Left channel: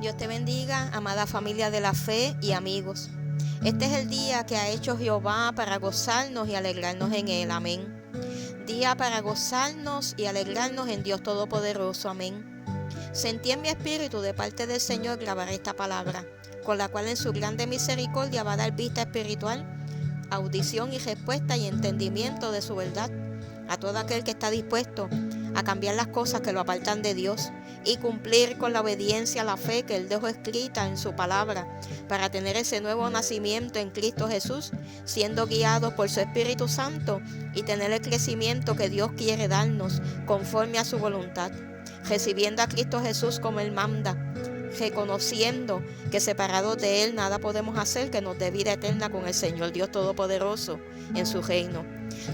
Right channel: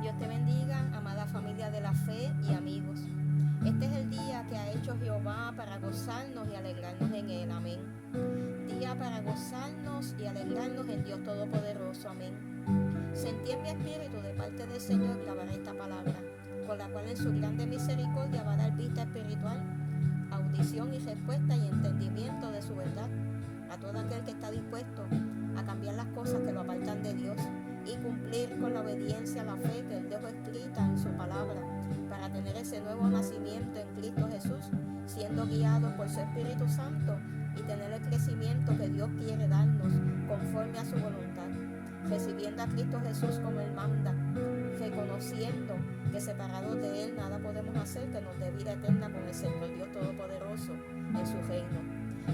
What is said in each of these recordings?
Dios te bendiga, amada familia de la fe y amigos. Este es el día que ha hecho Jehová para gozarnos y alegrarnos en él. Amén. Día para gozarnos y alegrarnos en Dios Todopoderoso. Amén. Sentí en mi espíritu de parte del Señor grabar esta palabra, con la cual en su grande misericordia va a dar vista espiritual, audición y respuesta y entendimiento de su verdad a todo aquel que está dispuesto a cambiar las cosas que lo apartan de Dios y cumplir con la obediencia a la fe que Él dejó escrita en su palabra para tener ese nuevo nacimiento en Cristo Jesús, siendo guiados por su Espíritu Santo y tener el crecimiento que Dios quiere darnos conforme a su voluntad, recibiendo a Cristo Jesús como Él manda, reconociendo que separados de Él nada podemos hacer que nos dé vida eterna con el Señor Dios Todopoderoso en su reino.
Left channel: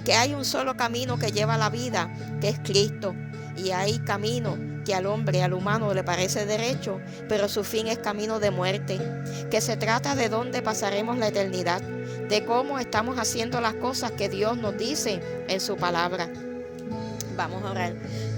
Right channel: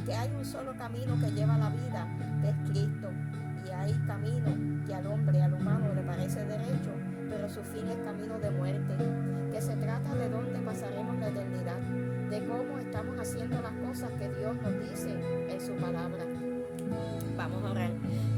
Que hay un solo camino que lleva a la vida, que es Cristo, y hay camino que al hombre, al humano le parece derecho, pero su fin es camino de muerte, que se trata de dónde pasaremos la eternidad, de cómo estamos haciendo las cosas que Dios nos dice en su palabra. Vamos a orar.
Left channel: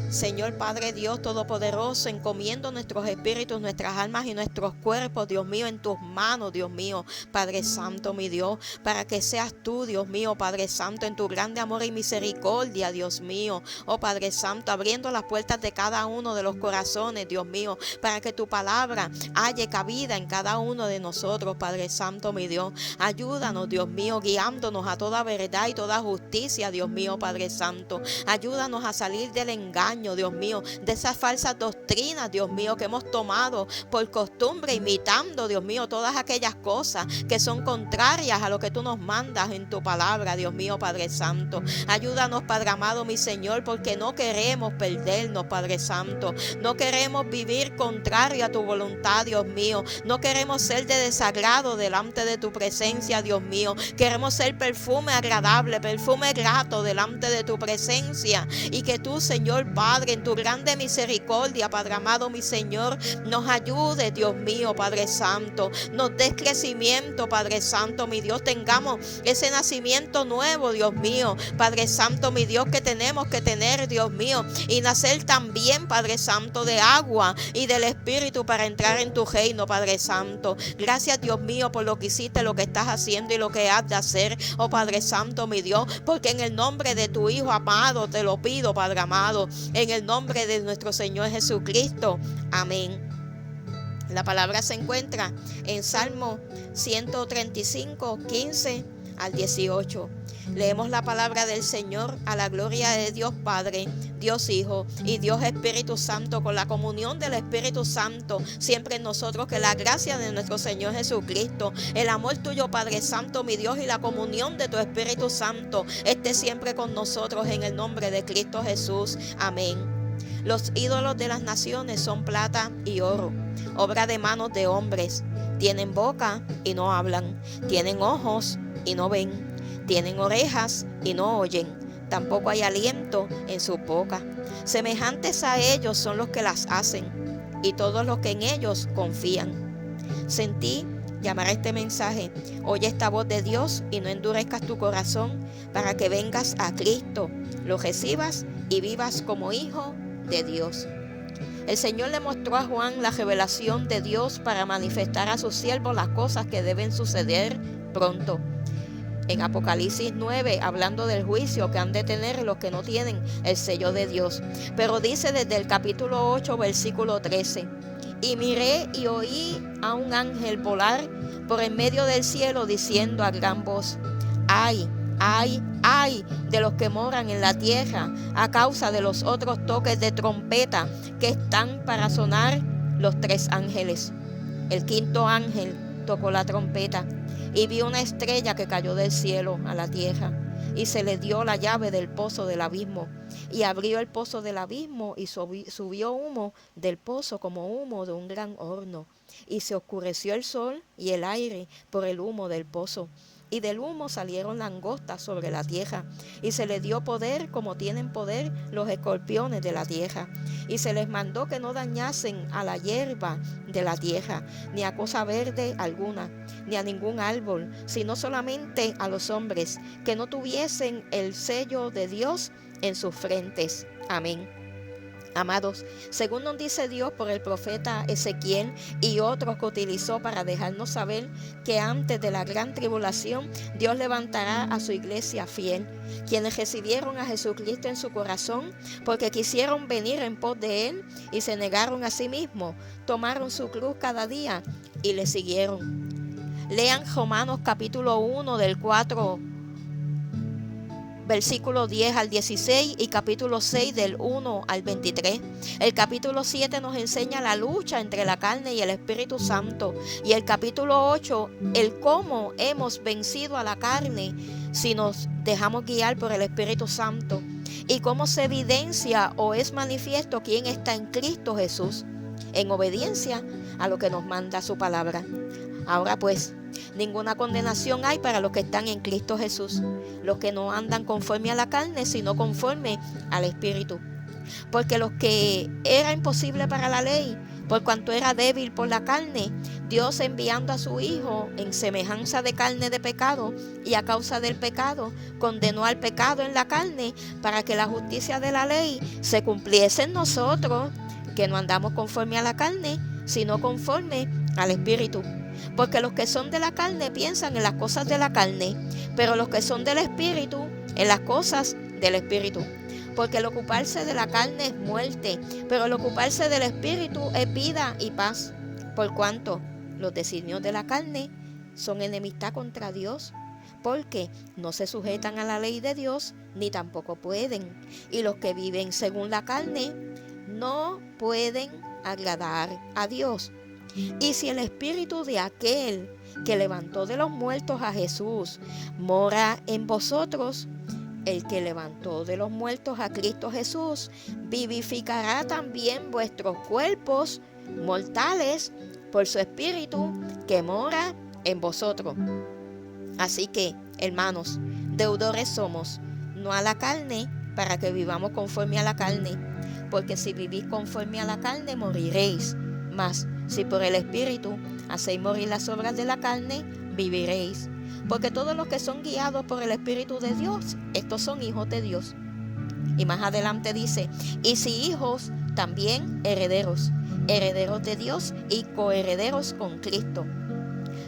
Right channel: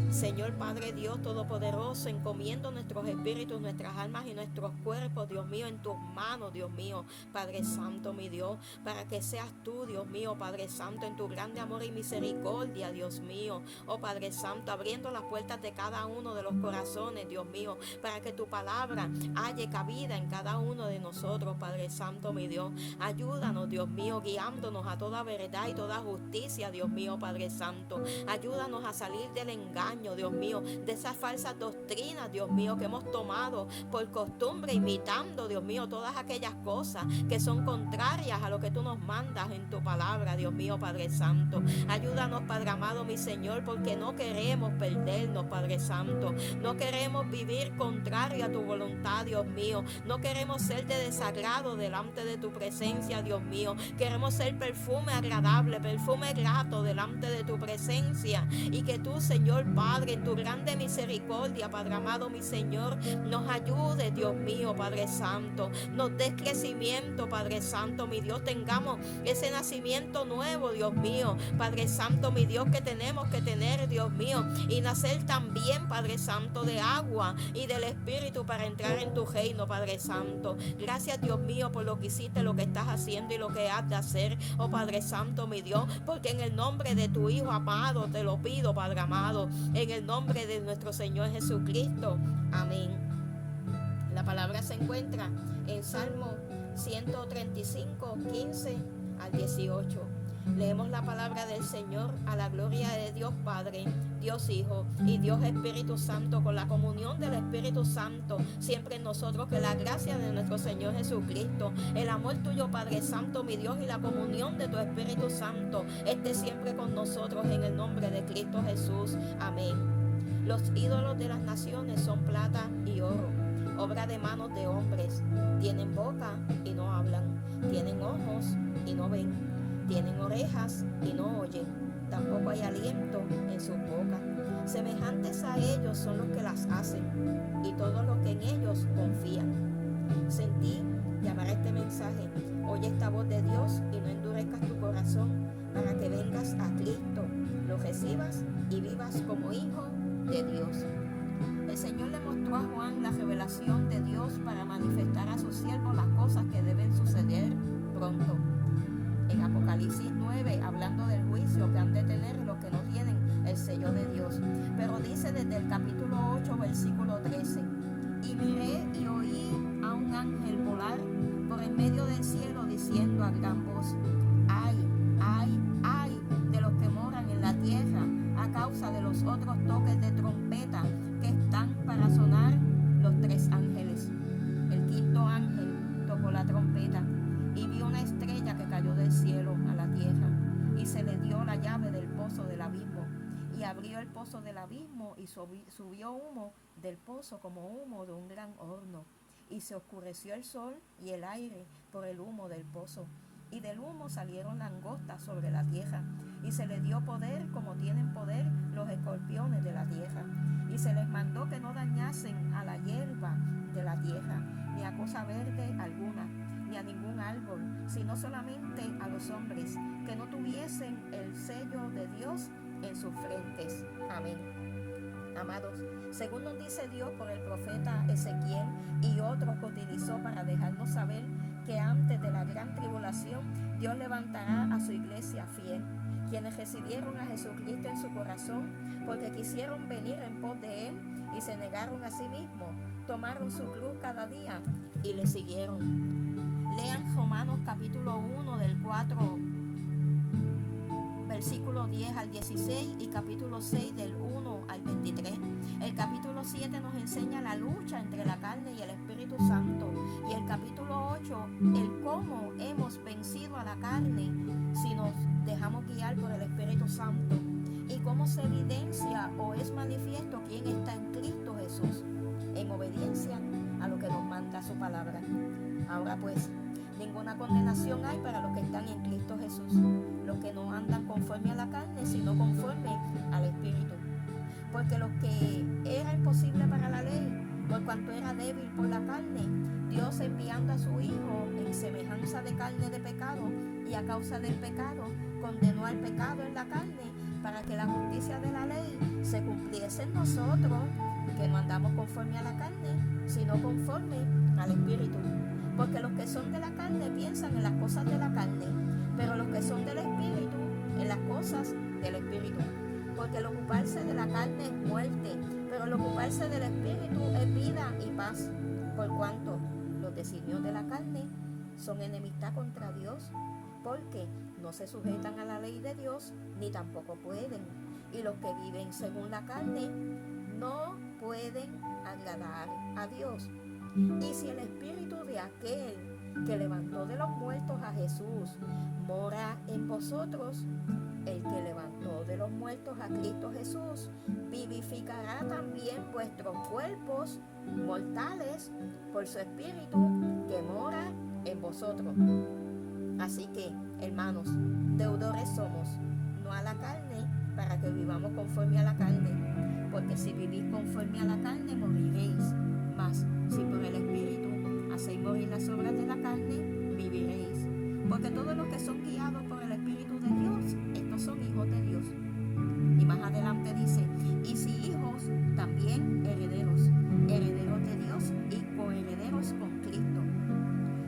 Señor Padre Dios Todopoderoso, encomiendo nuestros espíritus, nuestras almas y nuestros cuerpos, Dios mío, en tus manos, Dios mío, Padre Santo, mi Dios, para que seas tú, Dios mío, Padre Santo, en tu grande amor y misericordia, Dios mío, oh Padre Santo, abriendo las puertas de cada uno de los corazones, Dios mío, para que tu palabra halle cabida en cada uno de nosotros, Padre Santo, mi Dios. Ayúdanos, Dios mío, guiándonos a toda verdad y toda justicia, Dios mío, Padre Santo. Ayúdanos a salir del engaño, Dios mío, de esas falsas doctrinas, Dios mío, que hemos tomado por costumbre, imitando, Dios mío, todas aquellas cosas que son contrarias a lo que tú nos mandas en tu palabra, Dios mío, Padre Santo. Ayúdanos, Padre amado, mi Señor, porque no queremos perdernos, Padre Santo. No queremos vivir contrario a tu voluntad, Dios mío. No queremos ser de desagrado delante de tu presencia, Dios mío. Queremos ser perfume agradable, perfume grato delante de tu presencia, y que tú, Señor Padre, en tu grande misericordia, Padre amado, mi Señor, nos ayude, Dios mío, Padre Santo, nos des crecimiento, Padre Santo, mi Dios, tengamos ese nacimiento nuevo, Dios mío, Padre Santo, mi Dios, que tenemos que tener, Dios mío, y nacer también, Padre Santo, de agua y del Espíritu para entrar en tu reino, Padre Santo. Gracias, Dios mío, por lo que hiciste, lo que estás haciendo y lo que has de hacer, oh Padre Santo, mi Dios, porque en el nombre de tu Hijo amado te lo pido, Padre amado, en el nombre de nuestro Señor Jesucristo. Amén. La palabra se encuentra en Salmo 135, 15 al 18. Leemos la palabra del Señor a la gloria de Dios Padre, Dios Hijo y Dios Espíritu Santo, con la comunión del Espíritu Santo siempre en nosotros, que la gracia de nuestro Señor Jesucristo, el amor tuyo, Padre Santo, mi Dios, y la comunión de tu Espíritu Santo esté siempre con nosotros en el nombre de Cristo Jesús. Amén. Los ídolos de las naciones son plata y oro, obra de manos de hombres. Tienen boca y no hablan, tienen ojos y no ven, tienen orejas y no oyen, tampoco hay aliento en su boca. Semejantes a ellos son los que las hacen, y todos los que en ellos confían. Sentí llamar a este mensaje: oye esta voz de Dios y no endurezcas tu corazón, para que vengas a Cristo, lo recibas y vivas como hijo de Dios. El Señor le mostró a Juan la revelación de Dios para manifestar a sus siervos las cosas que deben suceder pronto. En Apocalipsis 9, hablando del juicio que han de tener los que no tienen el sello de Dios. Pero dice desde el capítulo 8, versículo 13: y miré y oí a un ángel volar por en medio del cielo, diciendo a gran voz: ¡ay, ay, ay de los que moran en la tierra, a causa de los otros toques de trompeta que están para sonar los 3 ángeles! El quinto ángel tocó la trompeta, y vi una estrella que cayó del cielo a la tierra, y se le dio la llave del pozo del abismo, y abrió el pozo del abismo, y subió humo del pozo como humo de un gran horno, y se oscureció el sol y el aire por el humo del pozo. Y del humo salieron langostas sobre la tierra, y se les dio poder como tienen poder los escorpiones de la tierra. Y se les mandó que no dañasen a la hierba de la tierra, ni a cosa verde alguna, ni a ningún árbol, sino solamente a los hombres, que no tuviesen el sello de Dios en sus frentes. Amén. Amados, según nos dice Dios por el profeta Ezequiel y otros que utilizó para dejarnos saber que antes de la gran tribulación Dios levantará a su iglesia fiel, quienes recibieron a Jesucristo en su corazón porque quisieron venir en pos de Él y se negaron a sí mismos, tomaron su cruz cada día y le siguieron. Lean Romanos capítulo 1 del 4 versículo 10 al 16 y capítulo 6 del 1 al 23. El capítulo 7 nos enseña la lucha entre la carne y el Espíritu Santo. Y el capítulo 8, el cómo hemos vencido a la carne si nos dejamos guiar por el Espíritu Santo. Y cómo se evidencia o es manifiesto quién está en Cristo Jesús, en obediencia a lo que nos manda su palabra. Ahora pues, ninguna condenación hay para los que están en Cristo Jesús, los que no andan conforme a la carne, sino conforme al Espíritu. Porque los que era imposible para la ley, por cuanto era débil por la carne, Dios enviando a su Hijo en semejanza de carne de pecado, y a causa del pecado, condenó al pecado en la carne, para que la justicia de la ley se cumpliese en nosotros, que no andamos conforme a la carne, sino conforme al Espíritu. Porque los que son de la carne piensan en las cosas de la carne, pero los que son del Espíritu, en las cosas del Espíritu. Porque el ocuparse de la carne es muerte, pero el ocuparse del Espíritu es vida y paz. Por cuanto los designios de la carne son enemistad contra Dios, porque no se sujetan a la ley de Dios, ni tampoco pueden. Y los que viven según la carne no pueden agradar a Dios. Y si el Espíritu de aquel que levantó de los muertos a Jesús mora en vosotros, el que levantó de los muertos a Cristo Jesús vivificará también vuestros cuerpos mortales por su Espíritu que mora en vosotros. Así que, hermanos, deudores somos, no a la carne, para que vivamos conforme a la carne, porque si vivís conforme a la carne moriréis. Mas si por el Espíritu hacéis morir las obras de la carne, viviréis. Porque todos los que son guiados por el Espíritu de Dios, estos son hijos de Dios. Y más adelante dice, y si hijos, también herederos, herederos de Dios y coherederos con Cristo.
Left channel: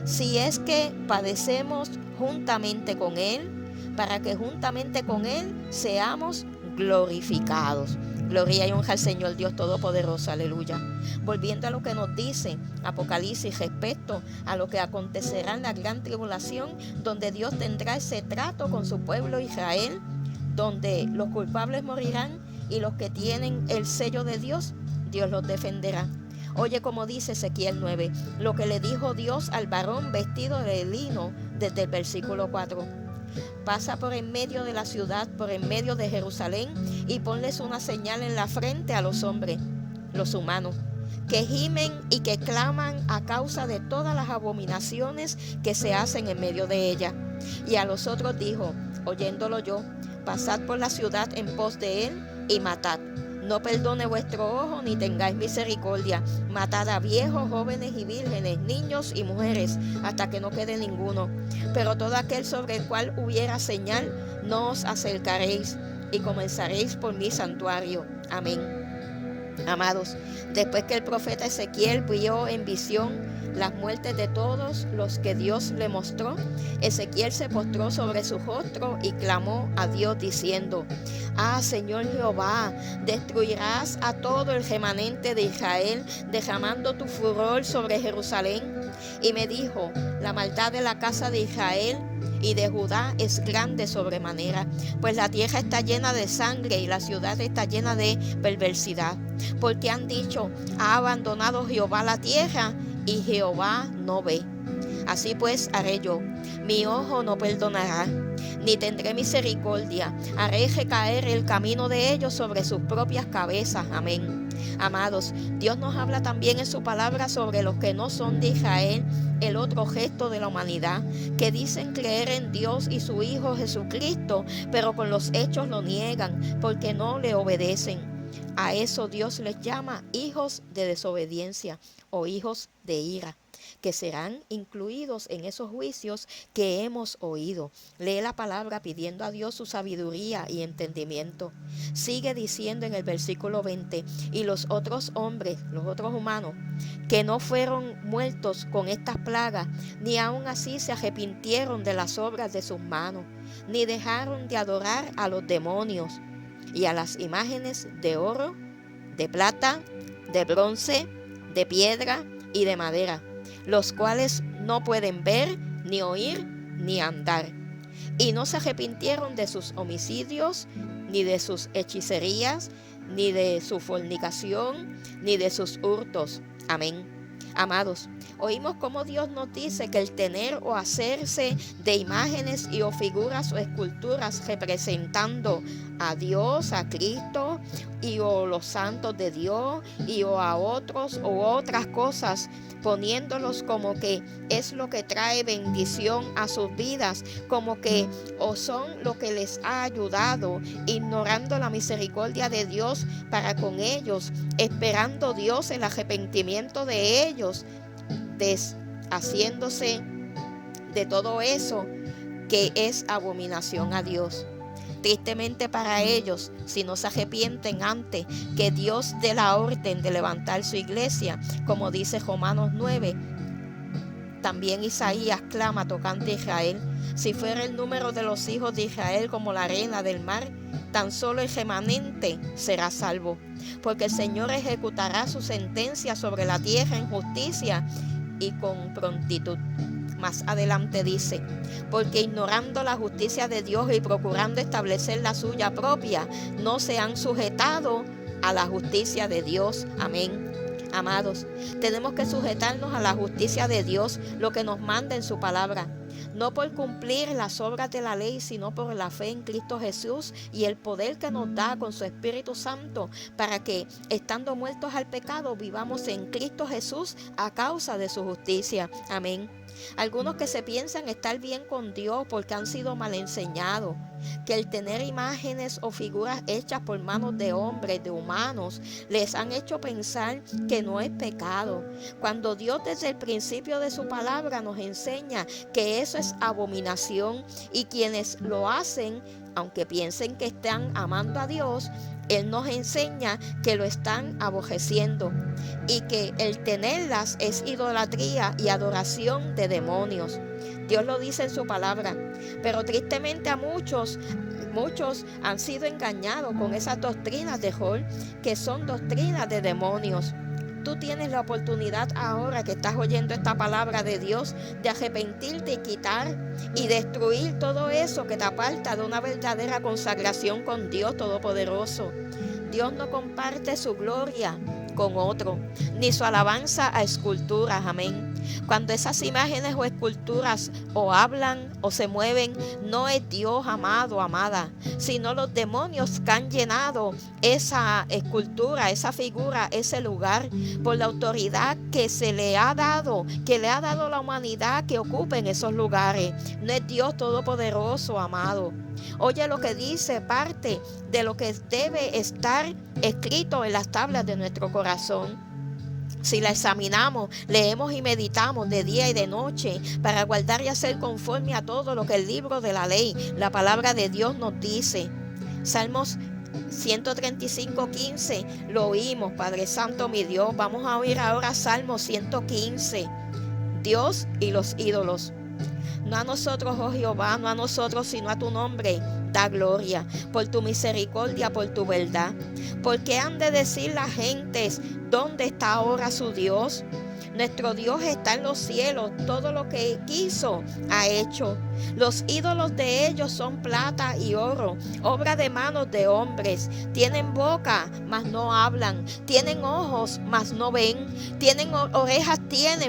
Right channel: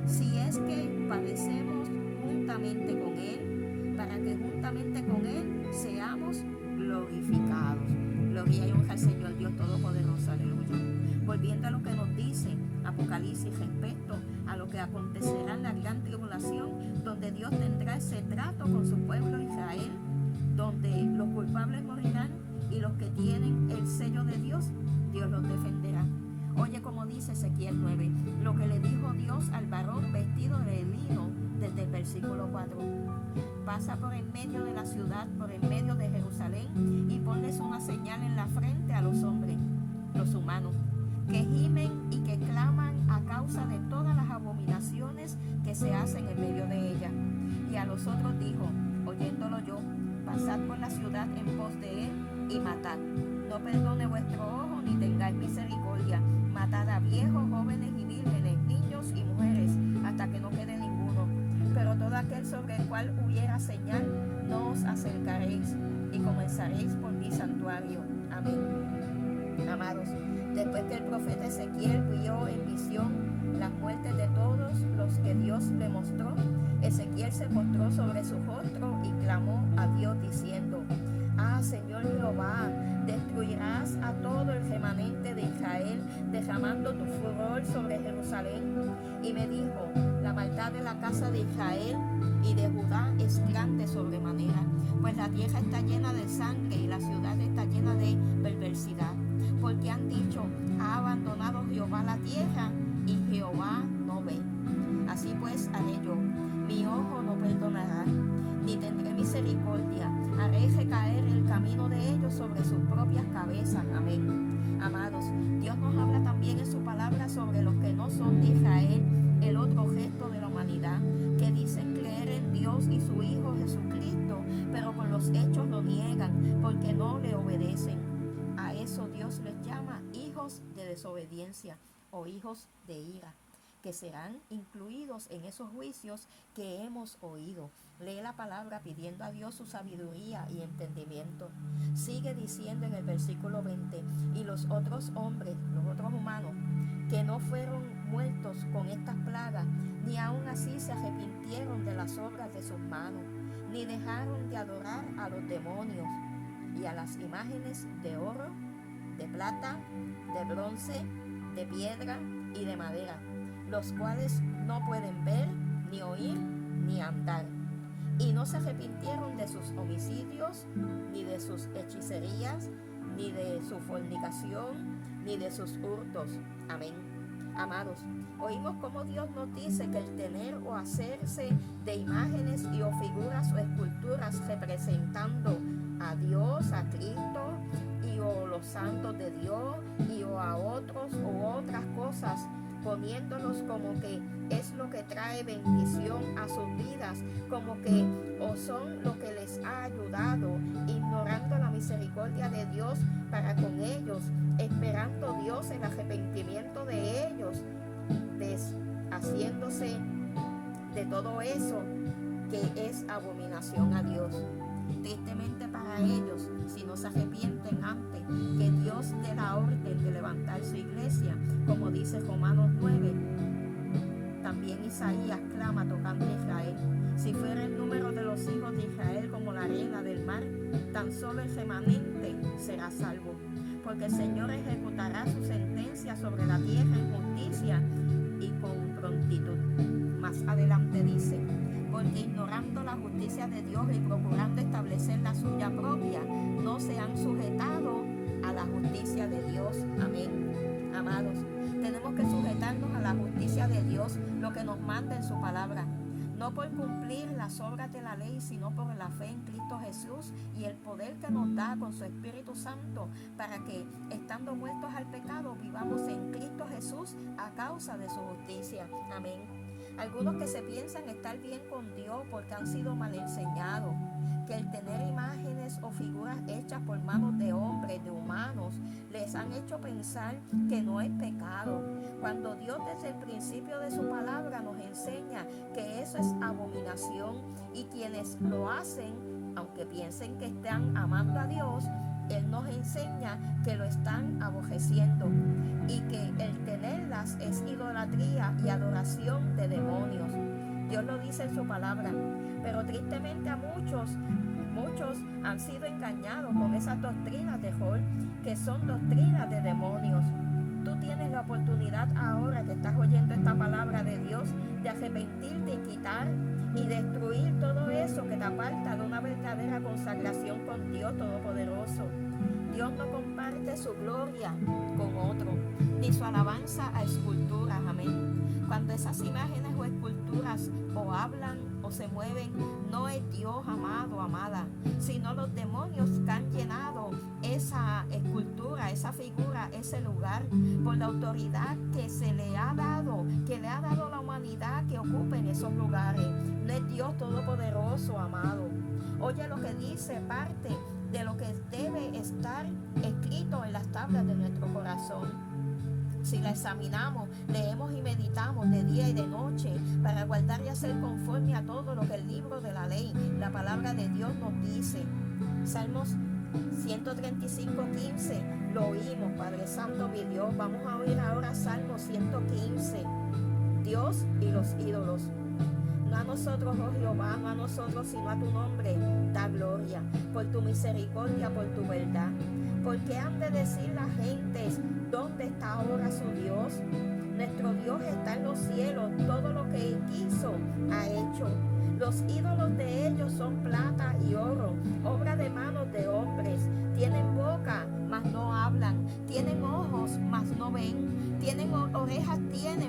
Si es que padecemos juntamente con Él, para que juntamente con Él seamos glorificados. Gloria y honra al Señor Dios Todopoderoso, aleluya. Volviendo a lo que nos dice Apocalipsis respecto a lo que acontecerá en la gran tribulación, donde Dios tendrá ese trato con su pueblo Israel, donde los culpables morirán y los que tienen el sello de Dios, Dios los defenderá. Oye como dice Ezequiel 9, lo que le dijo Dios al varón vestido de lino desde el versículo 4. Pasa por en medio de la ciudad, por en medio de Jerusalén, y ponles una señal en la frente a los hombres, los humanos, que gimen y que claman a causa de todas las abominaciones que se hacen en medio de ella. Y a los otros dijo, oyéndolo yo, pasad por la ciudad en pos de él y matad. No perdone vuestro ojo ni tengáis misericordia. Matad a viejos, jóvenes y vírgenes, niños y mujeres, hasta que no quede ninguno. Pero todo aquel sobre el cual hubiera señal, no os acercaréis, y comenzaréis por mi santuario. Amén. Amados, después que el profeta Ezequiel vio en visión las muertes de todos los que Dios le mostró, Ezequiel se postró sobre su rostro y clamó a Dios diciendo, ah, Señor Jehová, destruirás a todo el remanente de Israel, derramando tu furor sobre Jerusalén. Y me dijo, la maldad de la casa de Israel y de Judá es grande sobremanera, pues la tierra está llena de sangre y la ciudad está llena de perversidad. Porque han dicho, ha abandonado Jehová la tierra y Jehová no ve. Así pues haré yo, mi ojo no perdonará, ni tendré misericordia, haré recaer el camino de ellos sobre sus propias cabezas. Amén. Amados, Dios nos habla también en su palabra sobre los que no son de Israel, el otro gesto de la humanidad, que dicen creer en Dios y su Hijo Jesucristo, pero con los hechos lo niegan, porque no le obedecen. A eso Dios les llama hijos de desobediencia o hijos de ira. que serán incluidos en esos juicios que hemos oído. Lee la palabra pidiendo a Dios su sabiduría y entendimiento. Sigue diciendo en el versículo 20, y los otros hombres, los otros humanos, que no fueron muertos con estas plagas, ni aun así se arrepintieron de las obras de sus manos, ni dejaron de adorar a los demonios y a las imágenes de oro, de plata, de bronce, de piedra y de madera, los cuales no pueden ver, ni oír, ni andar. Y no se arrepintieron de sus homicidios, ni de sus hechicerías, ni de su fornicación, ni de sus hurtos. Amén. Amados, oímos cómo Dios nos dice que el tener o hacerse de imágenes y o figuras o esculturas representando a Dios, a Cristo y o los santos de Dios y o a otros o otras cosas, poniéndolos como que es lo que trae bendición a sus vidas, como que o son lo que les ha ayudado, ignorando la misericordia de Dios para con ellos, esperando Dios el arrepentimiento de ellos, deshaciéndose de todo eso que es abominación a Dios. Tristemente para ellos, si no se arrepienten antes que Dios dé la orden de levantar su iglesia, como dice Romanos 9, también Isaías clama tocante a Israel: si fuera el número de los hijos de Israel como la arena del mar, tan solo el remanente será salvo, porque el Señor ejecutará su sentencia sobre la tierra en justicia y con prontitud. Más adelante dice: porque ignorando la justicia de Dios y procurando establecer la suya propia, no se han sujetado a la justicia de Dios. Amén. Amados, tenemos que sujetarnos a la justicia de Dios, lo que nos manda en su palabra, no por cumplir las obras de la ley, sino por la fe en Cristo Jesús y el poder que nos da con su Espíritu Santo para que, estando muertos al pecado, vivamos en Cristo Jesús a causa de su justicia. Amén. Algunos que se piensan estar bien con Dios porque han sido mal enseñados, que el tener imágenes o figuras hechas por manos de hombres, de humanos, les han hecho pensar que no es pecado, cuando Dios desde el principio de su palabra nos enseña que eso es abominación, y quienes lo hacen, aunque piensen que están amando a Dios, Él nos enseña que lo están aborreciendo y que el tenerlas es idolatría y adoración de demonios. Dios lo dice en su palabra, pero tristemente a muchos han sido engañados con esas doctrinas de Jol, que son doctrinas de demonios. Tú tienes la oportunidad ahora que estás oyendo esta palabra de Dios de arrepentirte y quitar y destruir todo eso que te aparta de una verdadera consagración con Dios Todopoderoso. Dios no comparte su gloria con otro, ni su alabanza a esculturas. Amén. Cuando esas imágenes o esculturas o hablan o se mueven, no es Dios, amado, amada, sino los demonios que han llenado esa escultura, esa figura, ese lugar, por la autoridad que se le ha dado, que le ha dado la humanidad que ocupe en esos lugares. No es Dios Todopoderoso, amado. Oye lo que dice parte de lo que debe estar escrito en las tablas de nuestro corazón. Si la examinamos, leemos y meditamos de día y de noche para guardar y hacer conforme a todo lo que el libro de la ley, la palabra de Dios nos dice. Salmos 135:15, lo oímos, Padre Santo mi Dios. Vamos a oír ahora Salmo 115, Dios y los ídolos. No a nosotros, oh Jehová, no a nosotros, sino a tu nombre da gloria, por tu misericordia, por tu verdad. ¿Por qué han de decir las gentes, dónde está ahora su Dios? Nuestro Dios está en los cielos, todo lo que quiso ha hecho. Los ídolos de ellos son plata y oro, obra de manos de hombres. Tienen boca, mas no hablan. Tienen ojos, mas no ven. Tienen orejas,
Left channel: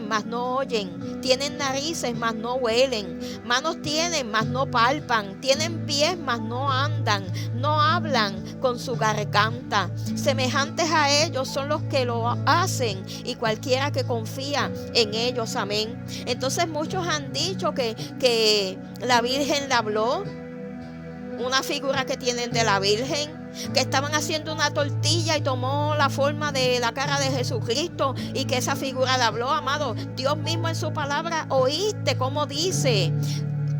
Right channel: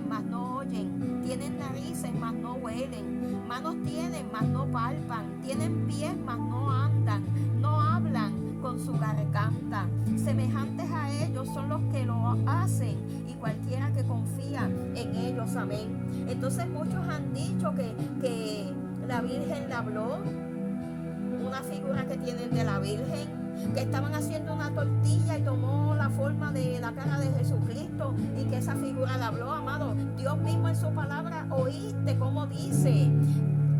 mas no oyen. Tienen narices, mas no huelen. Manos tienen, mas no palpan. Tienen pies, mas no andan. No hablan con su garganta. Semejantes a ellos son los que lo hacen y cualquiera que confía en ellos. Amén. Entonces muchos han dicho que la Virgen le habló, una figura que tienen de la Virgen, que estaban haciendo una tortilla y tomó la forma de la cara de Jesucristo y que esa figura le habló, amado. Dios mismo en su palabra, oíste cómo dice,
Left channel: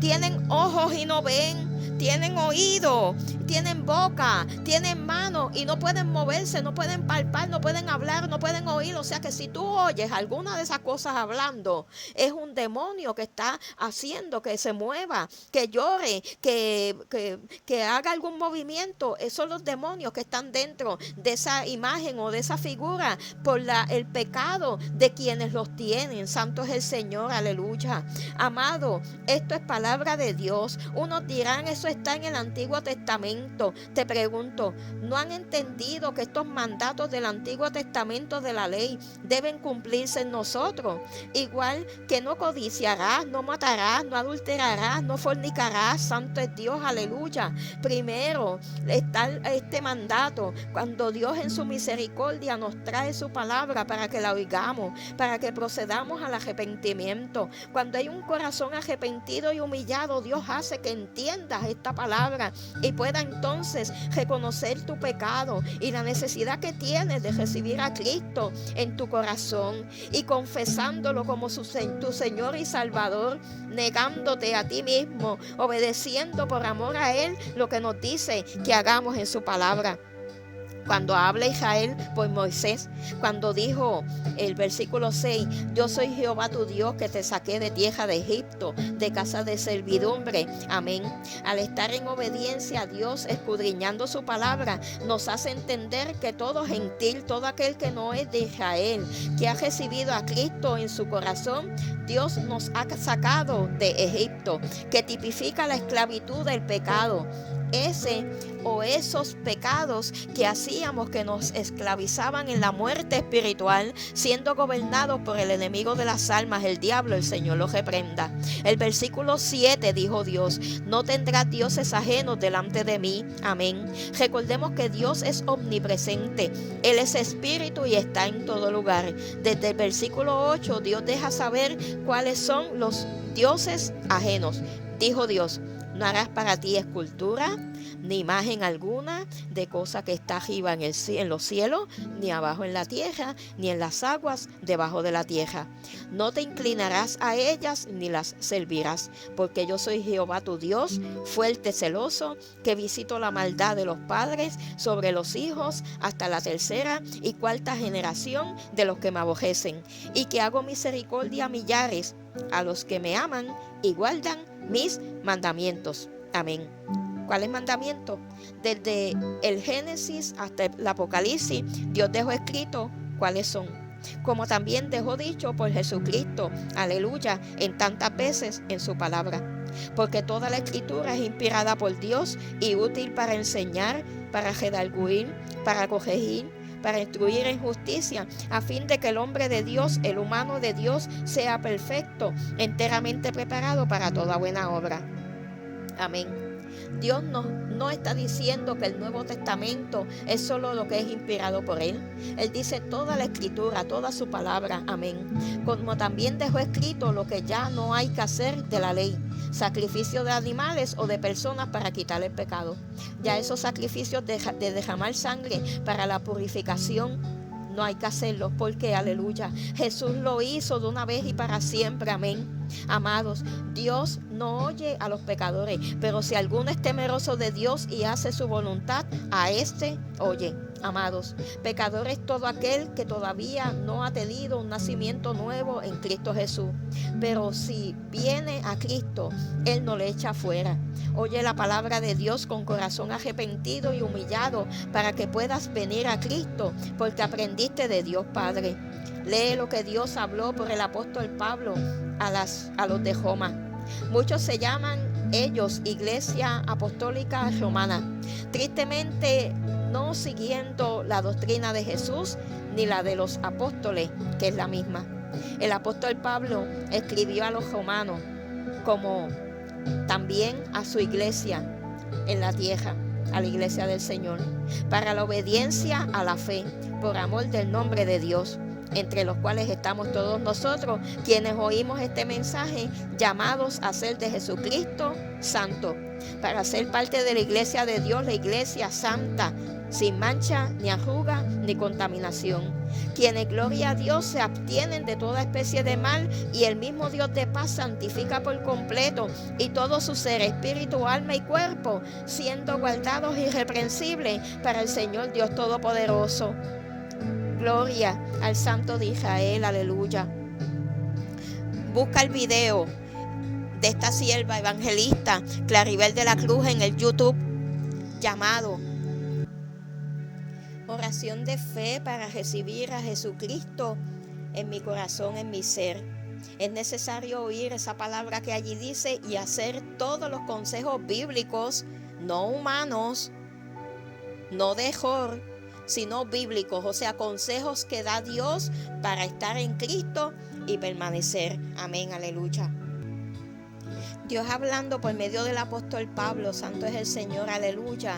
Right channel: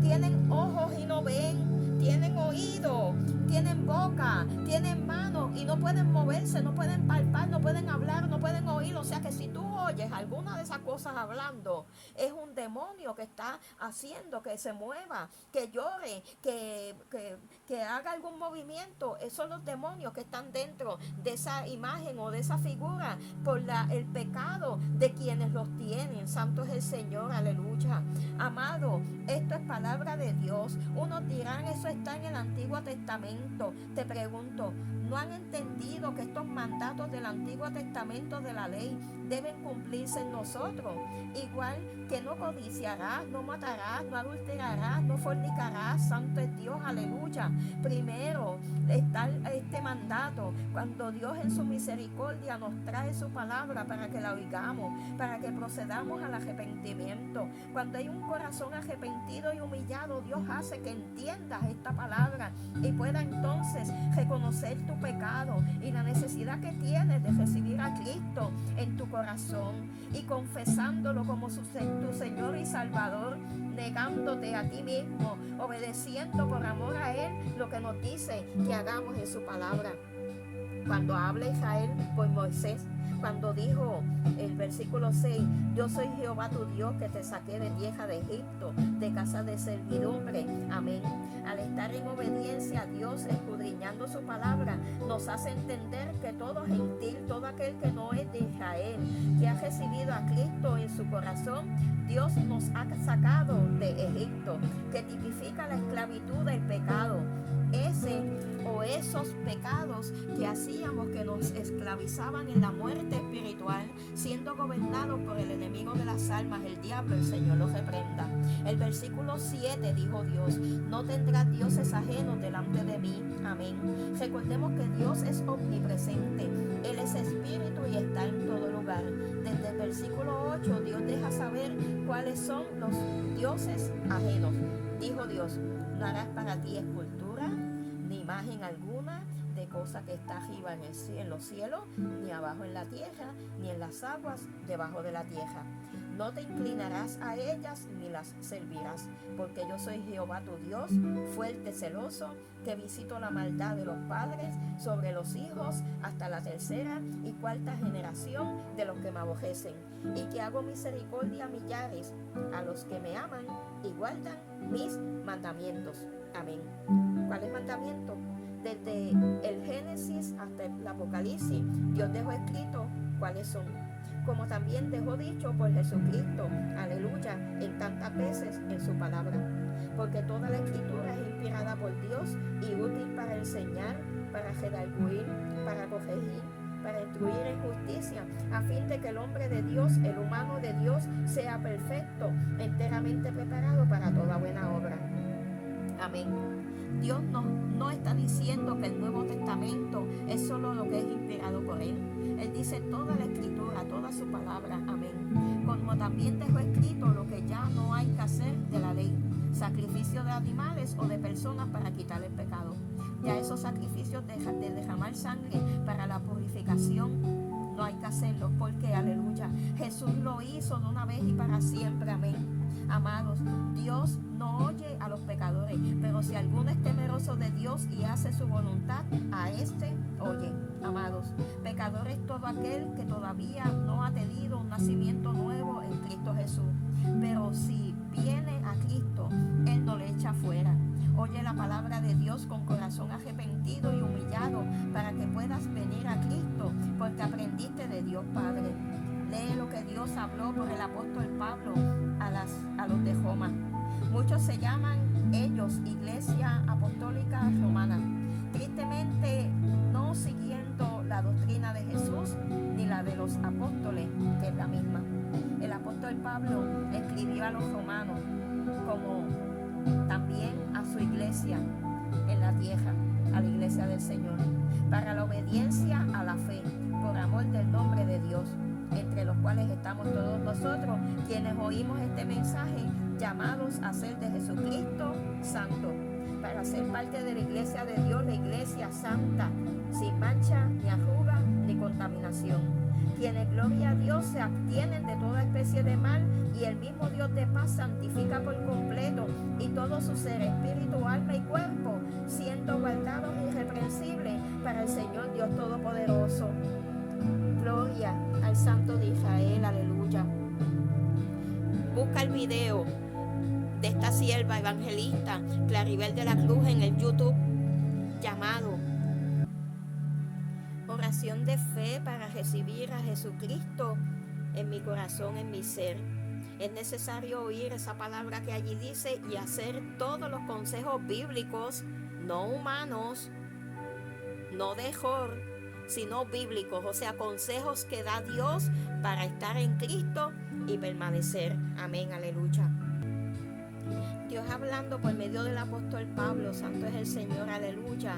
tienen ojos y no ven, tienen oído, tienen boca, tienen manos y no pueden moverse, no pueden palpar, no pueden hablar, no pueden oír. O sea que si tú oyes alguna de esas cosas hablando, es un demonio que está haciendo que se mueva, que llore, que haga algún movimiento. Esos son los demonios que están dentro de esa imagen o de esa figura por el pecado de quienes los tienen. Santo es el Señor, aleluya. Amado, esto es palabra de Dios. Unos dirán, eso está en el Antiguo Testamento. Te pregunto, ¿no han entendido que estos mandatos del Antiguo Testamento de la ley deben cumplirse en nosotros? Igual que no codiciarás, no matarás, no adulterarás, no fornicarás. Santo es Dios, aleluya. Primero está este mandato cuando Dios en su misericordia nos trae su palabra para que la oigamos, para que procedamos al arrepentimiento. Cuando hay un corazón arrepentido y humillado, Dios hace que entiendas esta palabra y pueda entonces reconocer tu pecado y la necesidad que tienes de recibir a Cristo en tu corazón y confesándolo como tu Señor y Salvador, negándote a ti mismo, obedeciendo por amor a Él lo que nos dice que hagamos en su palabra. Cuando habla Israel por Moisés, cuando dijo el versículo 6, yo soy Jehová tu Dios que te saqué de tierra de Egipto, de casa de servidumbre. Amén. Al estar en obediencia a Dios, escudriñando su palabra, nos hace entender que todo gentil, todo aquel que no es de Israel, que ha recibido a Cristo en su corazón, Dios nos ha sacado de Egipto, que tipifica la esclavitud del pecado. Ese o esos pecados que hacíamos que nos esclavizaban en la muerte espiritual, siendo gobernados por el enemigo de las almas, el diablo, el Señor los reprenda. El versículo 7 dijo Dios, no tendrás dioses ajenos delante de mí. Amén. Recordemos que Dios es omnipresente, Él es espíritu y está en todo lugar. Desde el versículo 8 Dios deja saber cuáles son los dioses ajenos. Dijo Dios, no harás para ti escultura, ni imagen alguna de cosa que está arriba en los cielos, ni abajo en la tierra, ni en las aguas debajo de la tierra. No te inclinarás a ellas, ni las servirás, porque yo soy Jehová tu Dios, fuerte, celoso, que visito la maldad de los padres sobre los hijos hasta la tercera y cuarta generación de los que me aborrecen, y que hago misericordia a millares, a los que me aman y guardan mis mandamientos. Amén. ¿Cuáles mandamientos? Desde el Génesis hasta el Apocalipsis, Dios dejó escrito cuáles son. Como también dejó dicho por Jesucristo, aleluya, en tantas veces en su palabra. Porque toda la escritura es inspirada por Dios y útil para enseñar, para redarguir, para corregir, para instruir en justicia, a fin de que el hombre de Dios, el humano de Dios, sea perfecto, enteramente preparado para toda buena obra. Amén. Dios no está diciendo que el Nuevo Testamento es solo lo que es inspirado por Él. Él dice toda la escritura, toda su palabra. Amén. Como también dejó escrito lo que ya no hay que hacer de la ley. Sacrificio de animales o de personas para quitar el pecado. Ya esos sacrificios de derramar sangre para la purificación no hay que hacerlos porque, aleluya, Jesús lo hizo de una vez y para siempre. Amén. Amados, Dios no oye a los pecadores, pero si alguno es temeroso de Dios y hace su voluntad, a este oye. Amados, pecador es todo aquel que todavía no ha tenido un nacimiento nuevo en Cristo Jesús. Pero si viene a Cristo, Él no le echa fuera. Oye la palabra de Dios con corazón arrepentido y humillado para que puedas venir a Cristo, porque aprendiste de Dios Padre. Lee lo que Dios habló por el apóstol Pablo a los de Roma. Muchos se llaman ellos Iglesia Apostólica Romana. Tristemente, no siguiendo la doctrina de Jesús ni la de los apóstoles, que es la misma. El apóstol Pablo escribió a los romanos como también a su iglesia en la tierra, a la iglesia del Señor, para la obediencia a la fe, por amor del nombre de Dios. entre los cuales estamos todos nosotros, quienes oímos este mensaje, llamados a ser de Jesucristo santo, para ser parte de la iglesia de Dios, la iglesia santa, sin mancha, ni arruga, ni contaminación. Quienes, gloria a Dios, se abstienen de toda especie de mal, y el mismo Dios de paz santifica por completo y todo su ser, espíritu, alma y cuerpo, siendo guardados irreprensibles para el Señor Dios Todopoderoso. Gloria al Santo de Israel, aleluya. Busca el video de esta sierva evangelista Claribel de la Cruz en el YouTube, llamado Oración de Fe para recibir a Jesucristo en mi corazón, en mi ser. Es necesario oír esa palabra que allí dice y hacer todos los consejos bíblicos, no humanos, no de Jor, sino bíblicos, o sea, consejos que da Dios para estar en Cristo y permanecer. Amén, aleluya. Dios hablando por medio del apóstol Pablo, santo es el Señor, aleluya,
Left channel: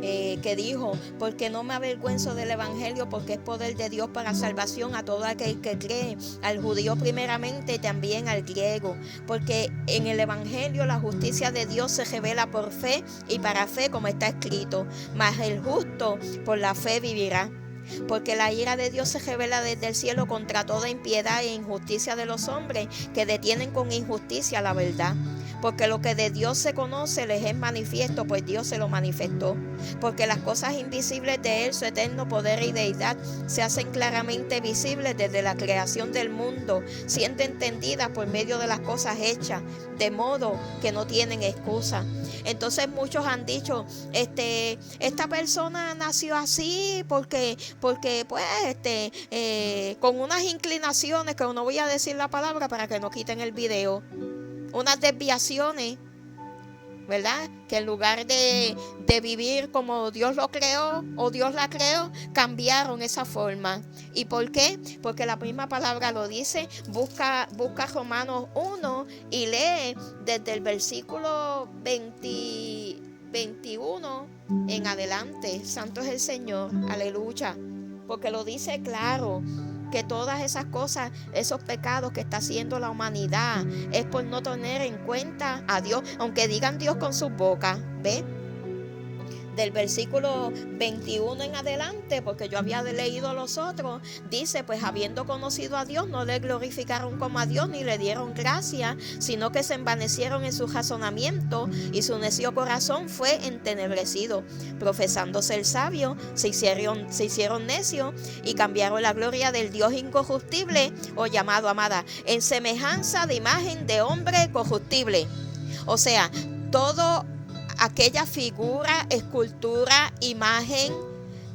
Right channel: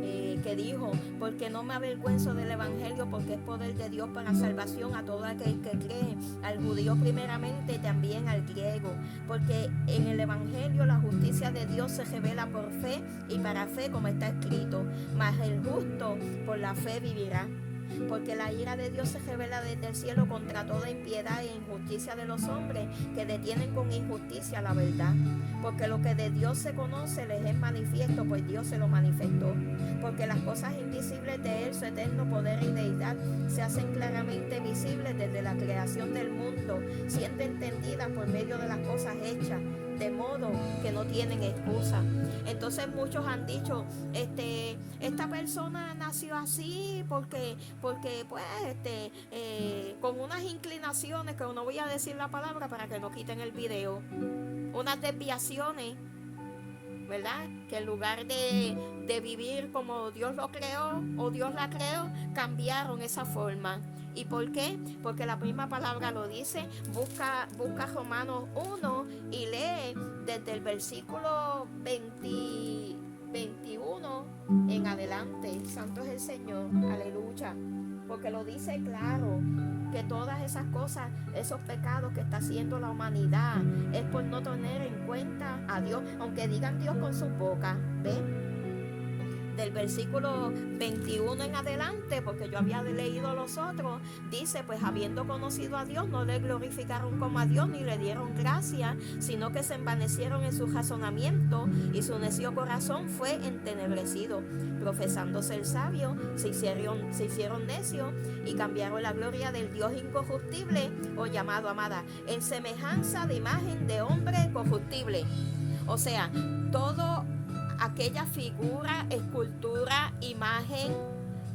que dijo, porque no me avergüenzo del evangelio, porque es poder de Dios para salvación a todo aquel que cree, al judío primeramente y también al griego, porque en el evangelio la justicia de Dios se revela por fe y para fe, como está escrito, mas el justo por la fe vivirá. Porque la ira de Dios se revela desde el cielo contra toda impiedad e injusticia de los hombres que detienen con injusticia la verdad. Porque lo que de Dios se conoce les es manifiesto, pues Dios se lo manifestó. Porque las cosas invisibles de Él, su eterno poder y deidad, se hacen claramente visibles desde la creación del mundo, siendo entendidas por medio de las cosas hechas, de modo que no tienen excusa. Entonces muchos han dicho, esta persona nació así porque pues con unas inclinaciones, que no voy a decir la palabra para que no quiten el video, unas desviaciones, ¿verdad? Que en lugar de vivir como Dios lo creó o Dios la creó, cambiaron esa forma. ¿Y por qué? Porque la misma palabra lo dice. Busca Romanos 1 y lee desde el versículo 21 en adelante. Santo es el Señor, aleluya. Porque lo dice claro, que todas esas cosas, esos pecados que está haciendo la humanidad, es por no tener en cuenta a Dios, aunque digan Dios con sus bocas, ¿ve? Del versículo 21 en adelante, porque yo había leído los otros, dice, pues habiendo conocido a Dios, no le glorificaron como a Dios, ni le dieron gracia, sino que se envanecieron en su razonamiento, y su necio corazón fue entenebrecido. Profesándose el sabio, se hicieron necios, y cambiaron la gloria del Dios incorruptible, o llamado, amada, en semejanza de imagen de hombre corruptible. O sea, todo aquella figura, escultura, imagen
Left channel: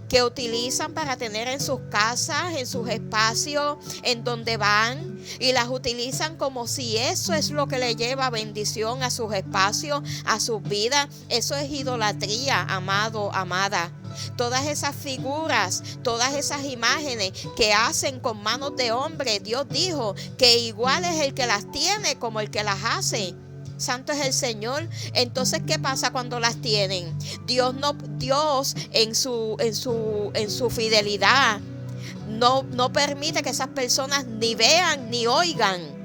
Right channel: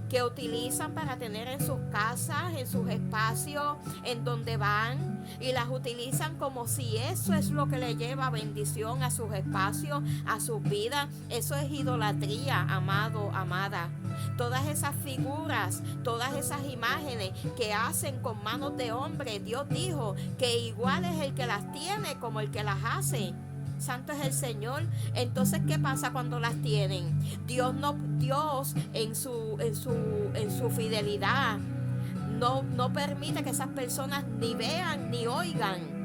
que utilizan para tener en sus casas, en sus espacios, en donde van, y las utilizan como si eso es lo que le lleva bendición a sus espacios, a sus vidas. Eso es idolatría, amado, amada. Todas esas figuras, todas esas imágenes que hacen con manos de hombre, Dios dijo que igual es el que las tiene como el que las hace. Santo es el Señor. Entonces, ¿qué pasa cuando las tienen? Dios en su fidelidad no permite que esas personas ni vean ni oigan,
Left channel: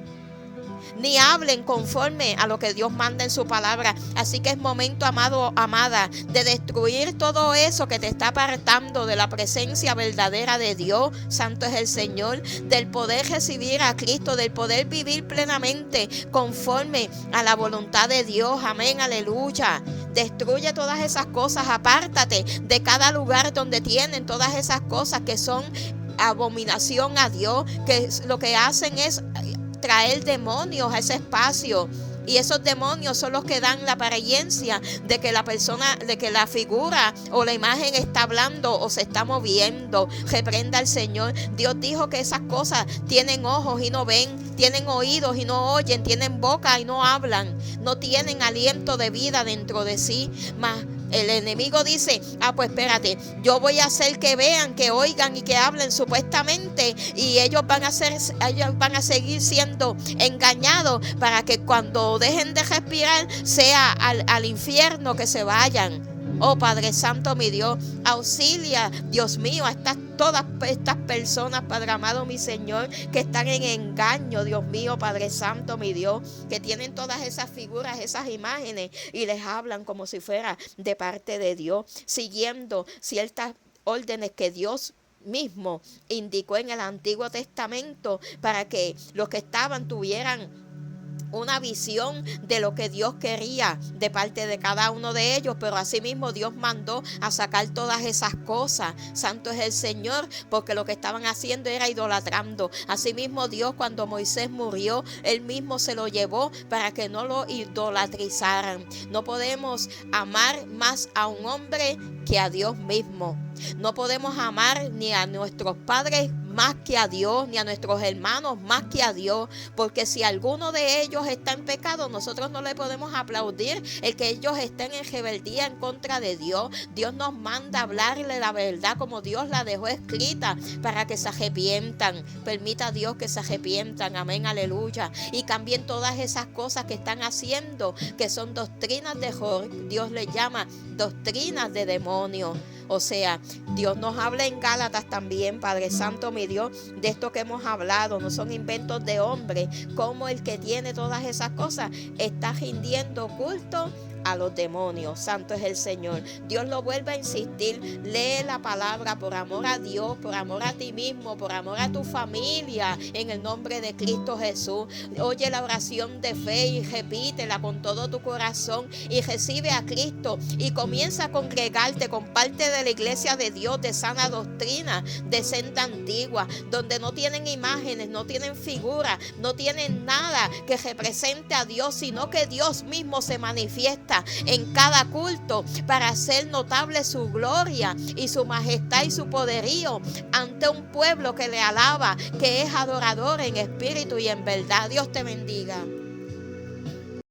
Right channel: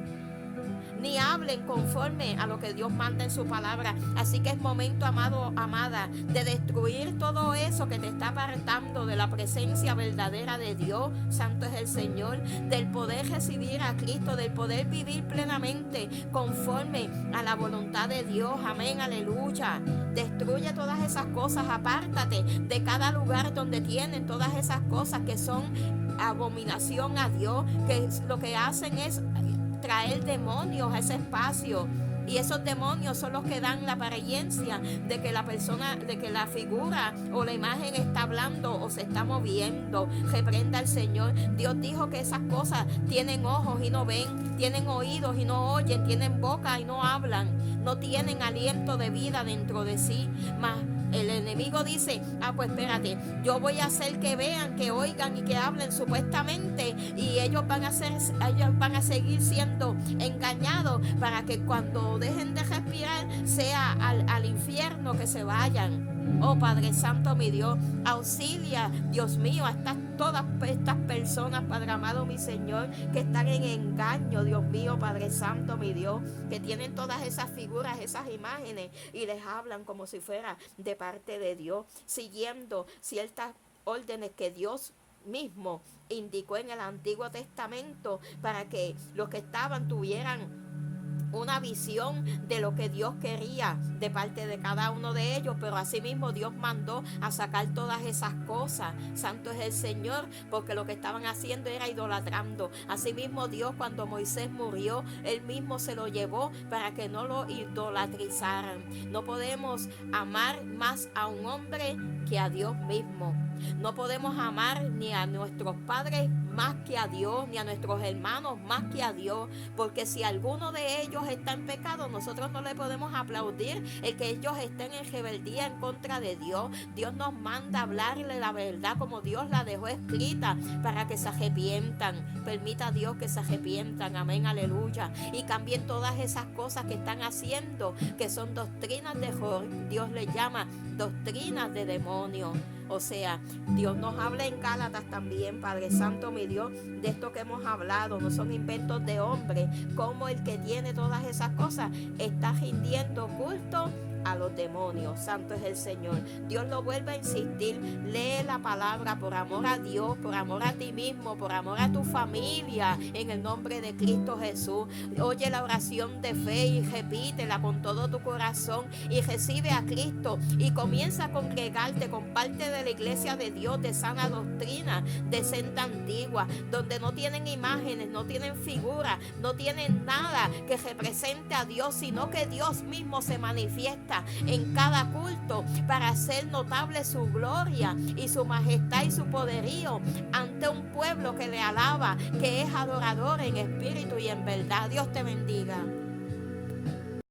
ni hablen conforme a lo que Dios manda en su palabra. Así que es momento, amado, amada, de destruir todo eso que te está apartando de la presencia verdadera de Dios. Santo es el Señor, del poder recibir a Cristo, del poder vivir plenamente conforme a la voluntad de Dios. Amén, aleluya. Destruye todas esas cosas, apártate de cada lugar donde tienen todas esas cosas que son abominación a Dios, que lo que hacen es traer demonios a ese espacio, y esos demonios son los que dan la apariencia de que la persona, de que la figura o la imagen está hablando o se está moviendo. Reprenda al Señor. Dios dijo que esas cosas tienen ojos y no ven, tienen oídos y no oyen, tienen boca y no hablan, no tienen aliento de vida dentro de sí. Mas el enemigo dice, pues espérate, yo voy a hacer que vean, que oigan y que hablen supuestamente, y ellos van a seguir siendo engañados para que cuando dejen de respirar sea al infierno que se vayan. Oh Padre Santo, mi Dios, auxilia, Dios mío, a todas estas personas, Padre amado, mi Señor, que están en engaño, Dios mío, Padre Santo, mi Dios, que tienen todas esas figuras, esas imágenes y les hablan como si fuera de parte de Dios, siguiendo ciertas órdenes que Dios mismo indicó en el Antiguo Testamento para que los que estaban tuvieran una visión de lo que Dios quería de parte de cada uno de ellos, pero asimismo Dios mandó a sacar todas esas cosas. Santo es el Señor, porque lo que estaban haciendo era idolatrando. Asimismo Dios, cuando Moisés murió, él mismo se lo llevó para que no lo idolatrizaran. No podemos amar más a un hombre que a Dios mismo. No podemos amar ni a nuestros padres más que a Dios, ni a nuestros hermanos más que a Dios, porque si alguno de ellos está en pecado, nosotros no le podemos aplaudir el que ellos estén en rebeldía en contra de Dios. Dios nos manda a hablarle la verdad como Dios la dejó escrita para que se arrepientan. Permita a Dios que se arrepientan, amén, aleluya, y cambien todas esas cosas que están haciendo, que son doctrinas de error. Dios les llama doctrinas de demonio. O sea, Dios nos habla en Gálatas también, Padre Santo, mi Dios, de esto que hemos hablado. No son inventos de hombre, como el que tiene todas esas cosas está rindiendo culto a los demonios. Santo es el Señor. Dios lo vuelve a insistir. Lee la palabra por amor a Dios, por amor a ti mismo, por amor a tu familia, en el nombre de Cristo Jesús. Oye la oración de fe y repítela con todo tu corazón y recibe a Cristo y comienza a congregarte con parte de la iglesia de Dios de sana doctrina, de senda antigua, donde no tienen imágenes, no tienen figuras, no tienen nada que represente a Dios, sino que Dios mismo se manifiesta en cada culto para hacer notable su gloria y su majestad y su poderío ante un pueblo que le alaba, que es adorador en espíritu y en verdad. Dios te bendiga.